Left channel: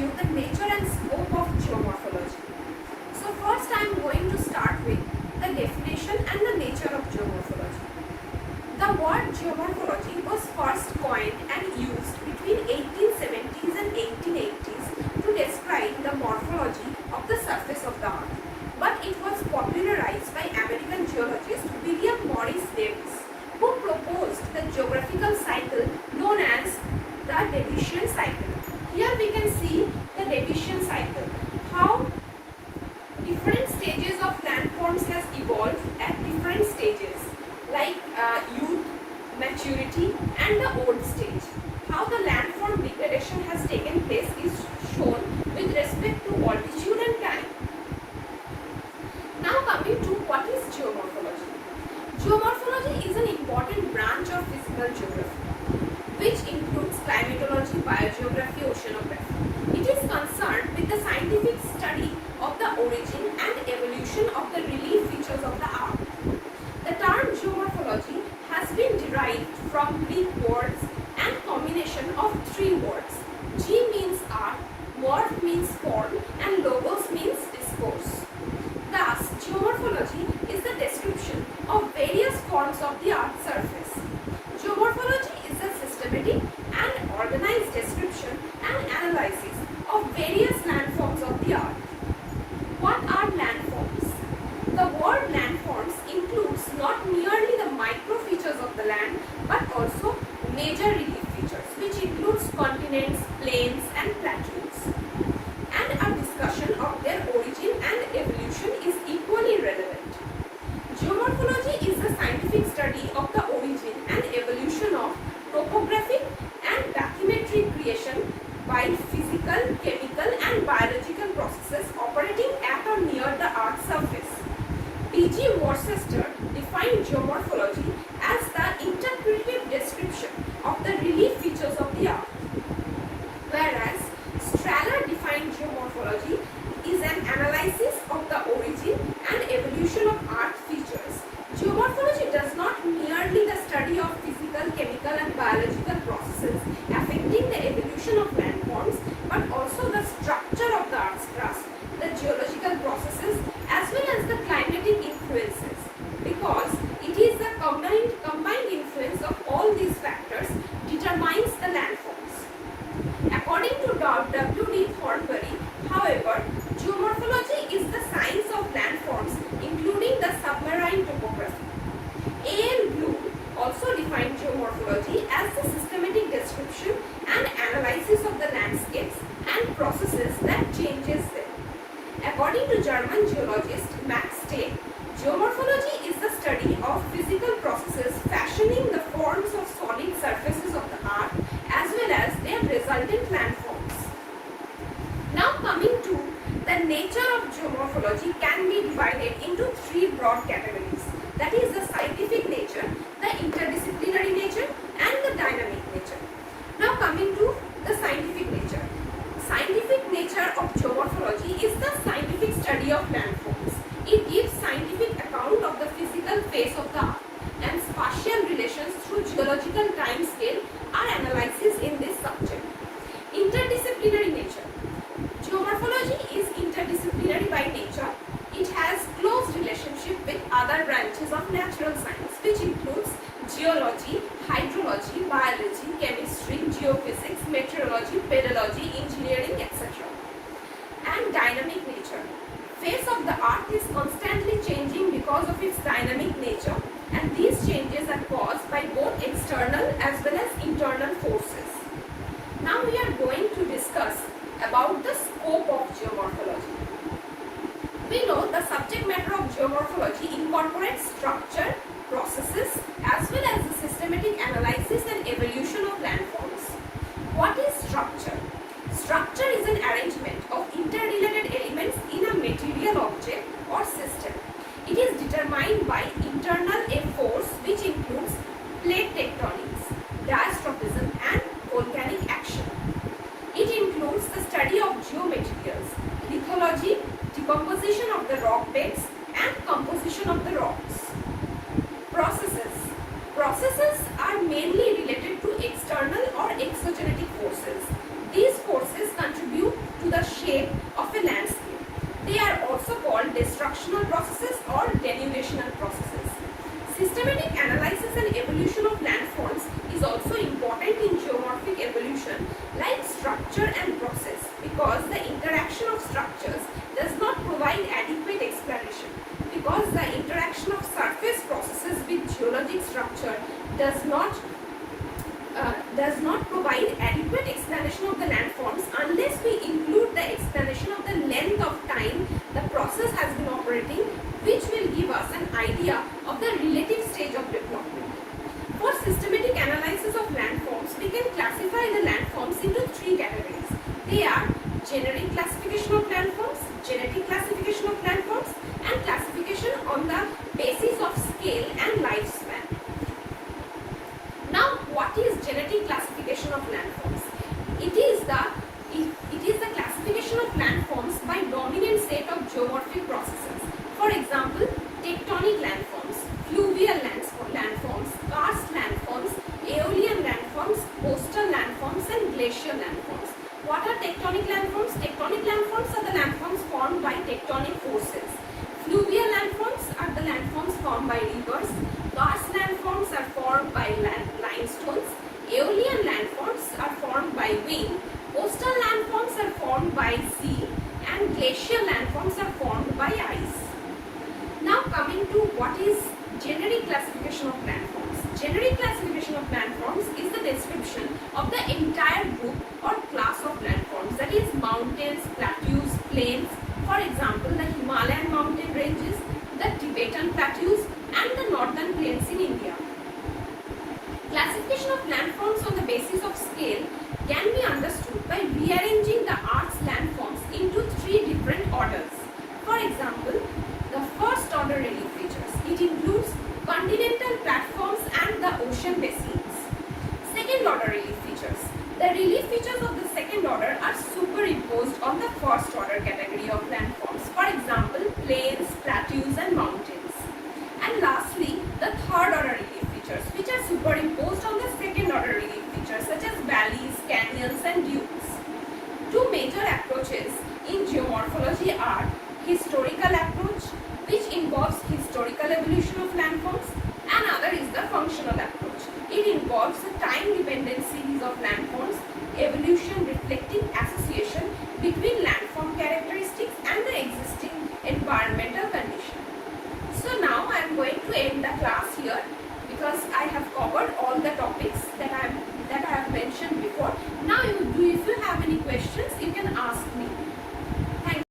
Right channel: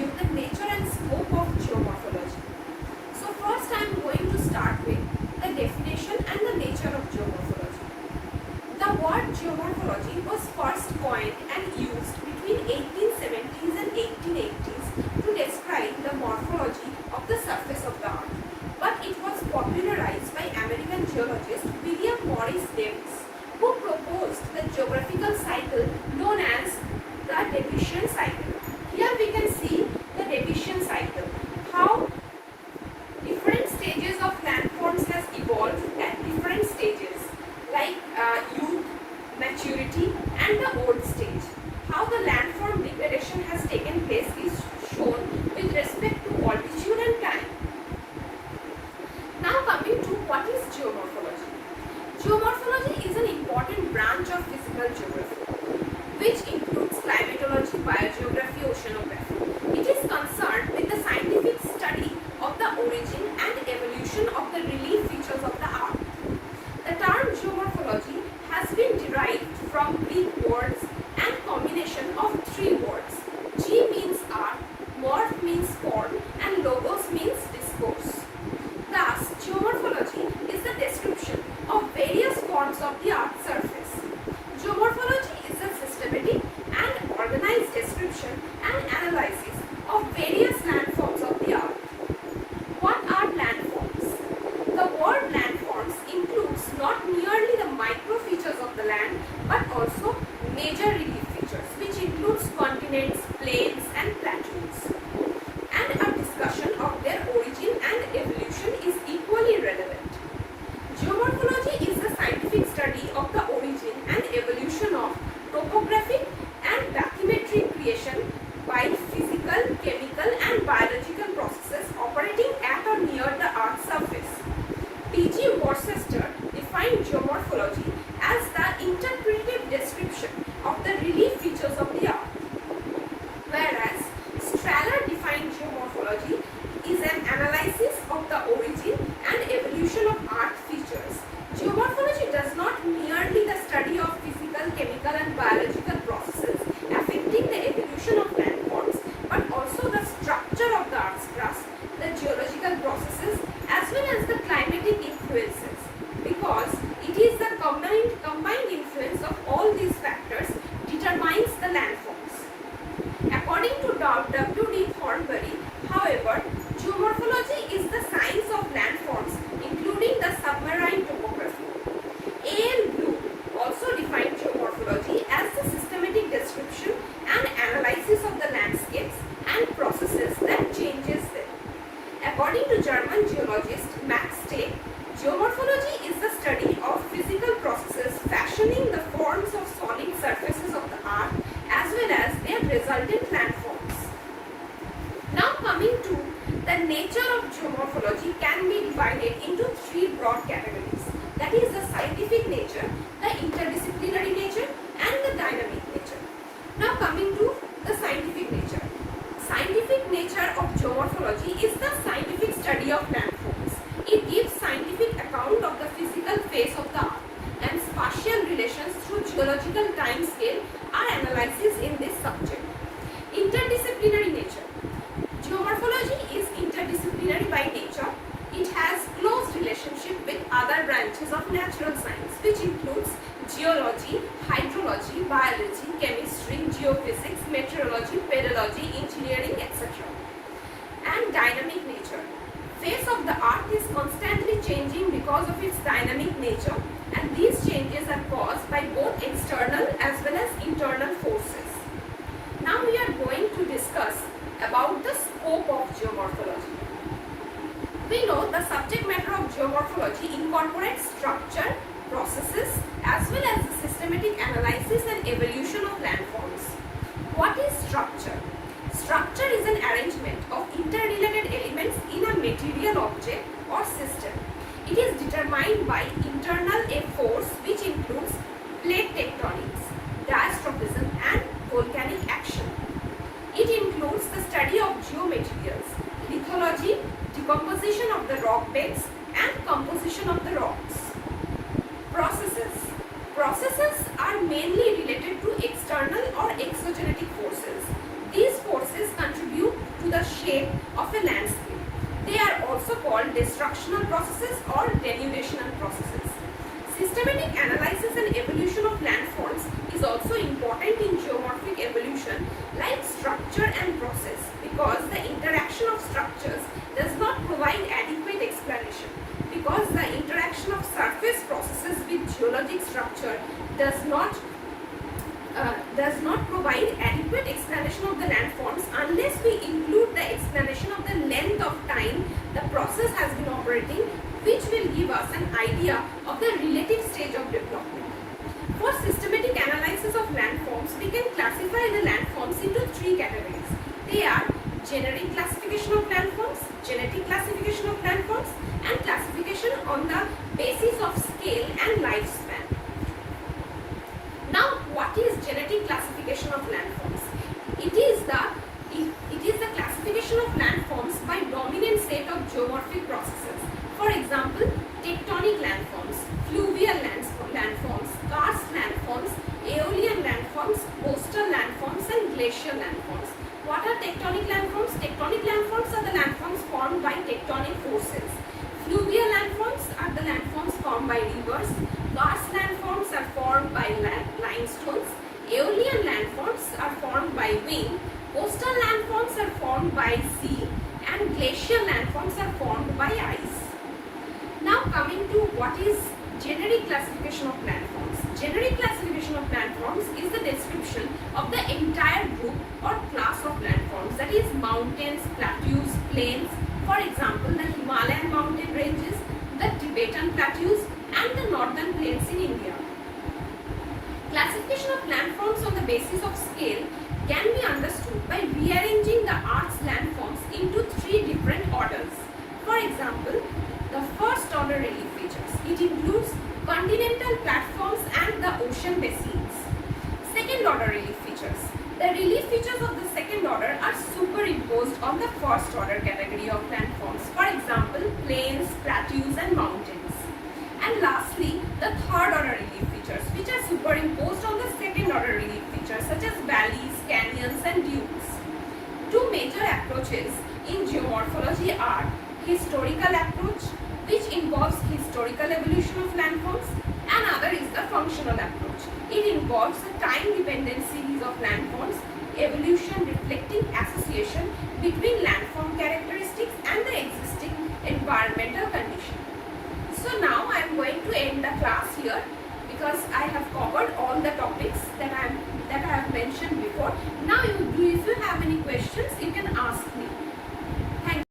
you the nature and scope of geomorphology. So first I am going to start with the definition and the nature of geomorphology. The word geomorphology was first coined and used between 1870s and 1880s to describe the morphology of the surface of the earth. But it was popularized by American geologist William Morris Davis, who proposed the geographical cycle known as the Davidian cycle. Here we can see the Davidian cycle, how different stages of landforms has evolved at different stages, like youth, maturity and the old stage. How the landform degradation has taken place is shown with respect to altitude and time. Now coming to what is geomorphology. Geomorphology is an important branch of physical geography, which includes climatology, biogeography, oceanography. It is concerned with the scientific study of the origin and evolution of the relief features of the earth. The term geomorphology has been derived from Greek words and combination of three words. G means earth, morph means form and logos means discourse. Thus, geomorphology is the description of various forms of the earth's surface. Geomorphology is the systematic and organized description and analysis of various landforms of the earth. What are landforms? The word landforms includes not merely the micro features of the land but also major relief features, which includes continents, plains and plateaus. And a discussion of their origin and evolution is equally relevant. Geomorphology is the scientific study of the origin and evolution of topographic and bathymetric creation by physical, chemical and biological processes operating at or near the earth's surface. P.G. Worcester defined geomorphology as the interpretive description of the relief features of the earth, whereas Strahler defined geomorphology is an analysis of the origin and evolution of earth features. Geomorphology does not merely the study of physical, chemical and biological processes affecting the evolution of landforms, but also the structure of the earth's crust, the geological processes as well as the climatic influences, because it is the combined influence of all these factors determines the landforms. According to W.D. Thornbury, however, geomorphology is the science of landforms including the submarine topography. A.L. Bloom also defined geomorphology as the systematic description and analysis of the landscapes and processes that changes them. According to German geologist Max Steg, geomorphology is the study of physical processes fashioning the forms of solid surfaces of the earth as well as their resultant landforms. Now coming to the nature of geomorphology can be divided into three broad categories, that is the scientific nature, the interdisciplinary nature and the dynamic nature. Now coming to the scientific nature. Scientific nature of geomorphology is the scientific study of landforms. It gives scientific account of the physical face of the earth and spatial relations through geological time scale are analysis in this subject. Interdisciplinary nature. Geomorphology is interdisciplinary by nature. It has close relationship with other branches of natural science, which includes geology, hydrology, biology, chemistry, geophysics, meteorology, pedology, engineering, etc. And dynamic nature. Face of the earth is constantly changing because of its dynamic nature, and these changes are caused by both external as well as internal forces. Now we are going to discuss about the scope of geomorphology. We know the subject matter of geomorphology incorporates structure, processes as well as the systematic analysis and evolution of landforms. What is structure? Structure is an arrangement of interrelated elements in a material object or system. It is determined by internal a force which includes plate tectonics, diastrophism and volcanic action. It includes the study of geomaterials, lithology, decomposition of the rock beds and composition of the rocks. Processes. Processes are mainly related to external or exogenetic forces. These forces contribute erosional processes or denudational processes. Systematic analysis and evolution of landforms is also important in geomorphic evolution, like structure and process, because the interaction of structures does not provide adequate explanation. Because the interaction of surface processes with geologic structure does not provide adequate explanation of the landforms unless we include the explanation of the length of time the process has been operating, which will give us an idea of the relative stage of development. For systematic analysis of landforms, we can classify the landforms into three categories. They are generic classification of landforms, genetic classification of landforms, and classification on the basis of scale and lifespan. Now, what is genetic classification of landforms? It is the classification of landforms by dominant set of geomorphic processes. For example, tectonic landforms, fluvial landforms, karst landforms, aeolian landforms, coastal landforms, and glacial landforms. What are tectonic landforms? Tectonic landforms are the landforms formed by tectonic forces. Fluvial landforms are the landforms formed by rivers. Karst landforms are formed by limestones. Aeolian landforms are formed by wind. Coastal landforms are formed by sea. And glacial landforms are formed by ice. Now coming to what is generic classification of landforms. Generic classification of landforms is the description of the entire group or class of landforms, that is mountains, plateaus, plains. For example, the Himalayan mountain ranges, the Tibetan plateaus, and the northern plains in India. Classification of landforms on the basis of scale can be understood by rearranging the Earth's landforms into three different orders. For example, the first order relief features. It includes continental platforms and the ocean basins. Second order relief features. The relief features of the second order are superimposed on the first order category of landforms. For example, plains, plateaus, and mountains. And lastly, the third order relief features, which are superimposed on the second order relief features, such as valleys, canyons, and dunes. Two major approaches in geomorphology are historical approach, which involves historical evolution of landforms, and other is the functional approach. It involves a time-dependent series of landforms, evolution reflecting association between landform characteristics and the existing environmental condition. So now I am going to end the class here, because I have covered all the topics that I have mentioned before. Now if you have any questions, you can ask me.